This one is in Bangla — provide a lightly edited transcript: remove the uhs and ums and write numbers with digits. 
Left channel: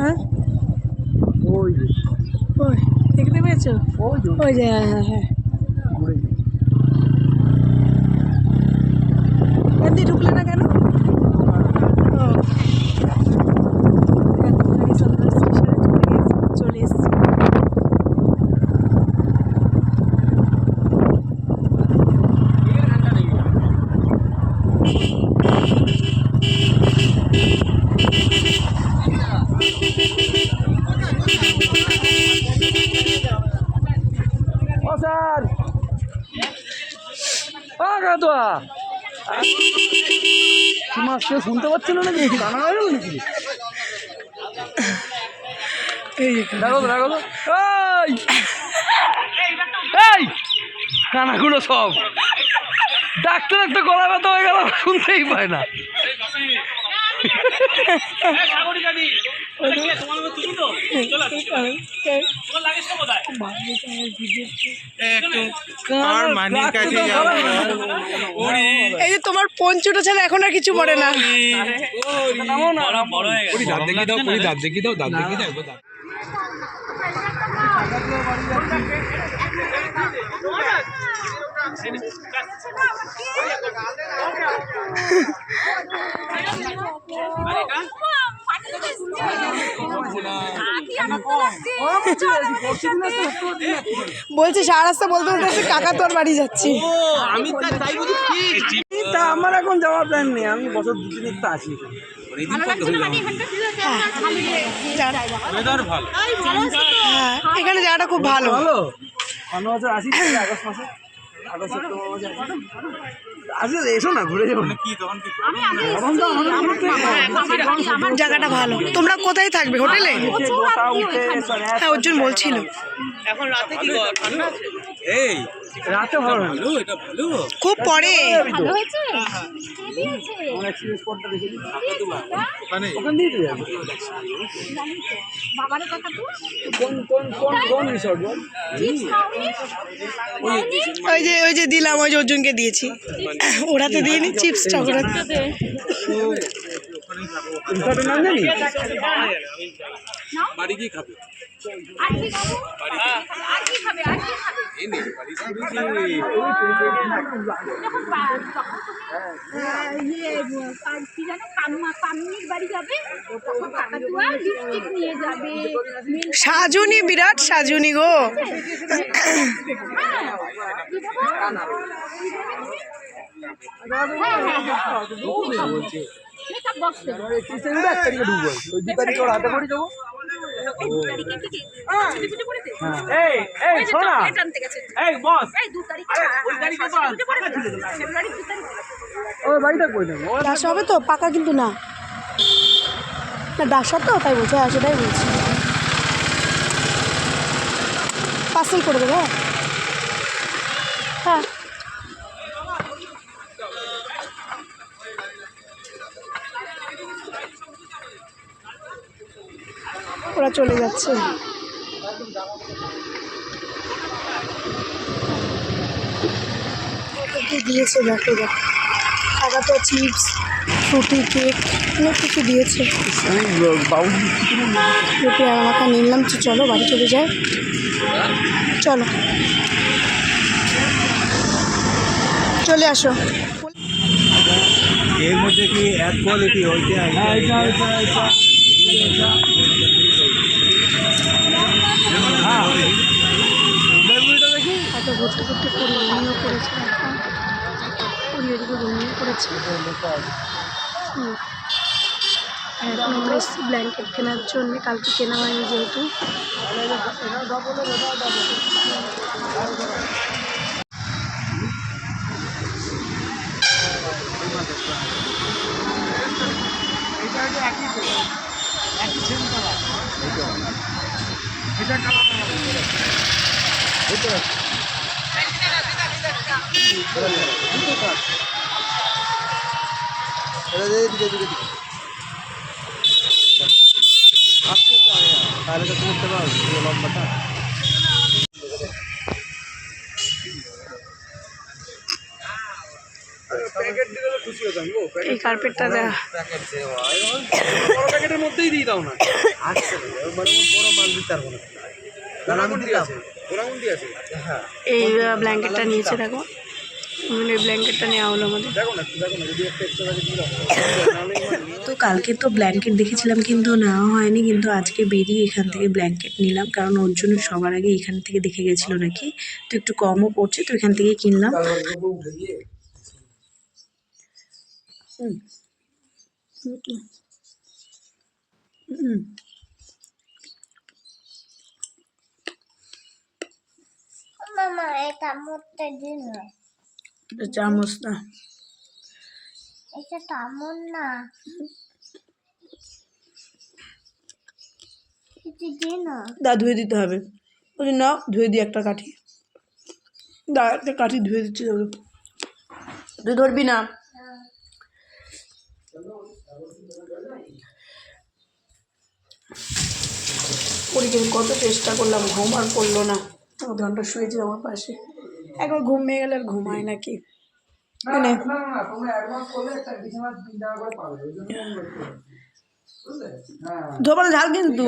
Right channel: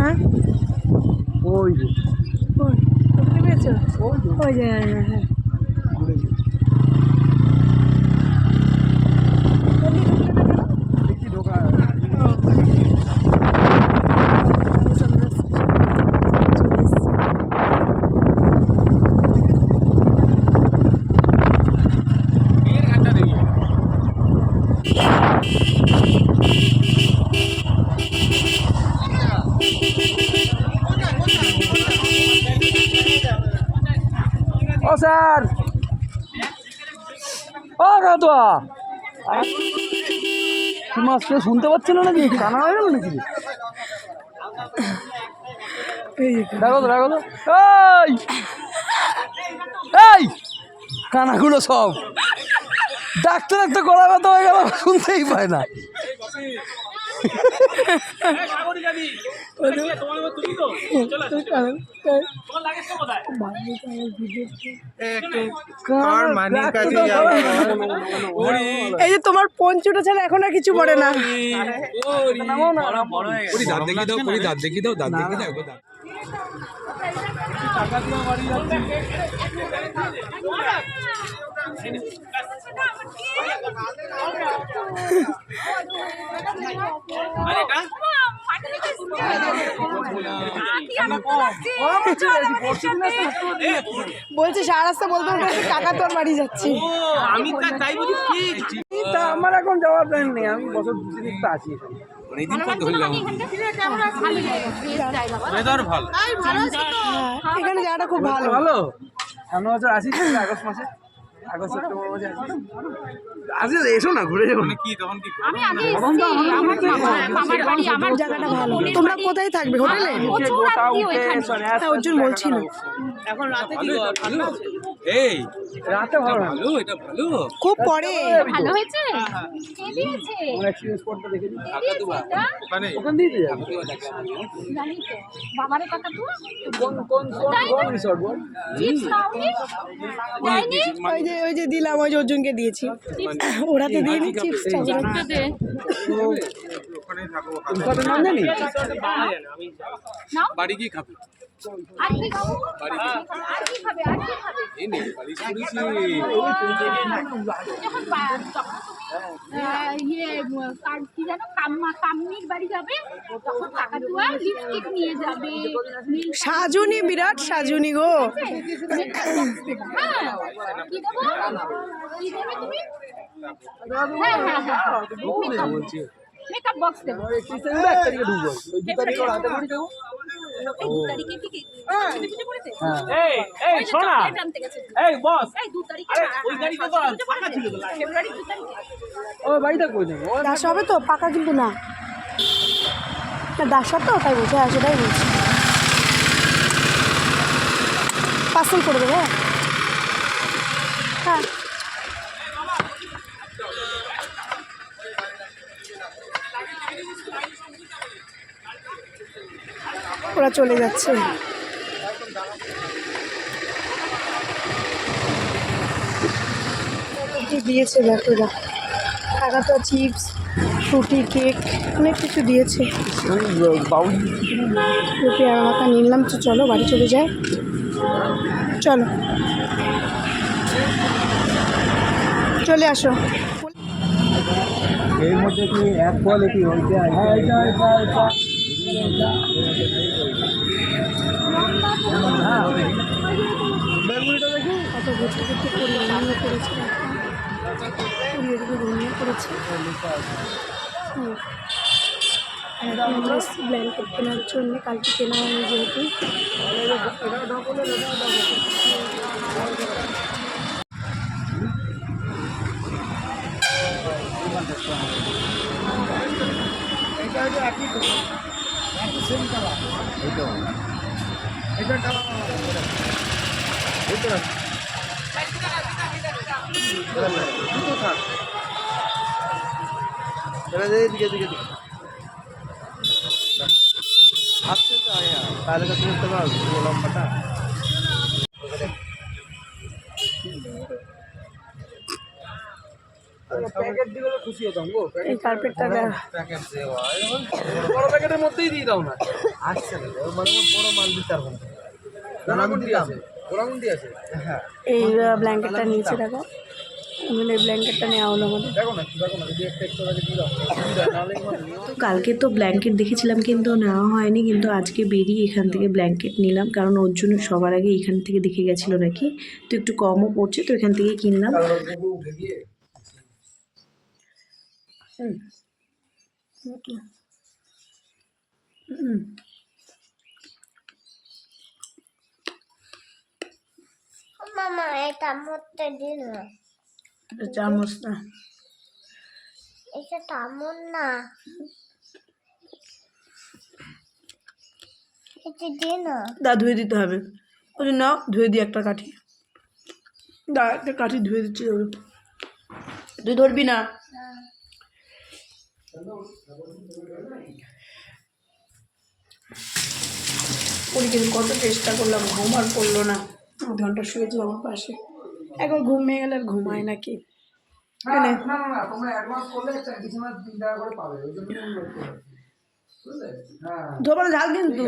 হ্যাঁ ওই যে ওই দেখতে পেয়েছো? ওই যে হ্যাঁ হ্যাঁ হ্যাঁ এমনি ঢুকলে না কেন? চলে এসছি। ও স্যার ও কাতুয়া মাছ কেউ শুনতে পাচ্ছিল নাকি? জানা গেল নাকি? এই দেখো তো দেখো তো এই কানাগুলো সব ডাক্তার একটা গলা ব্যথা হয়ে গেল, শুনতেই পায় না। এই যে তোমার পঞ্চটা ছাড়া এখন আর কিছু পড়ে না। দাঁত দেখি দাও দাঁত দেখি দাও। বলছি সারা রাস্তা বলতে বলতে টাকা তোর বাড়ি যাচ্ছি। আমার এখন যাওয়ার প্ল্যান নেই, আমি বছর 2-3 তো আসি হ্যাঁ এখানে জায়গাটা খুব ভালো। ভালো সামনে বছর আসি, আগস্ট মাসে, আগস্ট সেপ্টেম্বর মাসে আসি। এসো না ঘুরে যাবো। জায়গাটা ভালো। তোমরা কোথায় থাকবে? হোটেলে? হ্যাঁ অর্জুন বলছিল। এই রাতে ভালো, এটা ভালো খুব পরে ভালো হয়েছে কে দিয়েছে এক্সপেরিয়েন্স করতে দেখি ওখানে দিয়ে যাবে। জানি তো বাবার কথা তো কোন রিসর্ট বল? চিপস নাওনি যাইনি ওই যে দিলাম, ওই যে অর্জুনকে দিয়েছি। ওরাতে দিইনি চিপসটা, ওরাতে রিসর্টের নাম জানি নাও বাড়ি গিয়ে খাবে। আর কি খাবো আর কি খাবে এই নে বাড়ি শুনেছি যখন ইয়ে কি জানো কামনির বাড়ি যাবে তখন কাকাতুয়া লিপস্টিক নিয়ে যাবে সাজুনি, বিরাট সাজুনি গো। হ্যাঁ কি দেবো কি দেবে তুমি হ্যাঁ মেকআপ বক্স দেবো ওই 2 তারিখে ওর হাতে করে দেবো। এই 2 তারিখে কি ছুটি পড়েছে এই শোনা জানতে গেছে এই বস এই 2 তারিখে ওই তারিখে তো ফাঁকা ছিল তো। ফেব্রুয়ারি 2 তারিখে ওই বাড়িটা কই দেবো? দাস হবে তো পাকা, কিন্তু না না দাস তো তাই বলছে। হ্যাঁ সেটাই বলছি, পার্সেল করে দেবো। হ্যাঁ ওরা চলে যাচ্ছে। দিয়েছে দেখো, টাকা তো চিপস, ফ্রুটি, কেক, অনেক কিছু দিয়েছে। রুটি আর আমাকে নিলাম। চলো বাড়ি চলে যায়, চলো চলে আসো। এর মধ্যে কি এক কোয়ালিটি হইতে হ্যাঁ বেগুনিটা দেখি। এত ঘুরতে ঘুরতে পুরী রুমিও করেছে, এখন পুরী এদিকে রুমিও করেছে। আর এখন আমরা ব্ল্যাঙ্কেট কেনার জন্য, কালকে কেনা হয়নি যেহেতু। এটা কালার দুটো থাক, এটা দিকে দিকে দিকে আসছে তো তাহলে তো বুঝতে পারো লম্বাটা। প্যাকেট দিলে খুশি হতাম গো। এই কার্পেটটা প্যাকেট দেওয়া বড় প্যাকেটের মধ্যেই দিয়ে দাও না। এই ব্ল্যাঙ্কেটটা নিয়েছে দেখো, উনুনের ব্ল্যাঙ্কেটটা নেওয়া হলো আমাদের। তো কালকে তো ব্ল্যাঙ্কেট দেখেছিলাম কিন্তু নেওয়া হয়নি, কিন্তু আজকে বেরিয়ে এখান থেকে ব্ল্যাঙ্কেট নিলাম, কারণ ওর জন্য সবার আগে এখান থেকে দেখে গেছিলো নাকি, তো একটু কমও পড়ছে, তো এখান থেকে কিনলাম। মামা এটা মরতে দিন না, চামচ না, এটা তেমন না, এটা দিন না। দা ধুয়ে দিতে হবে, ওই জন্য ধুয়ে দিই একটা কাঠি, দা একটা কাঠি ধুয়ে দিচ্ছি তোকে, তুই ধরবি না। পরীক্ষা কত চেষ্টা করলাম, ঘুম আর পড়লো না, 1 ঘন্টা শুয়েছিলাম আমার পাশে, একবার ঘুম হয়ে গেলে আর ঘুমায় নাকি। ধোপানো ঝাল কিন্তু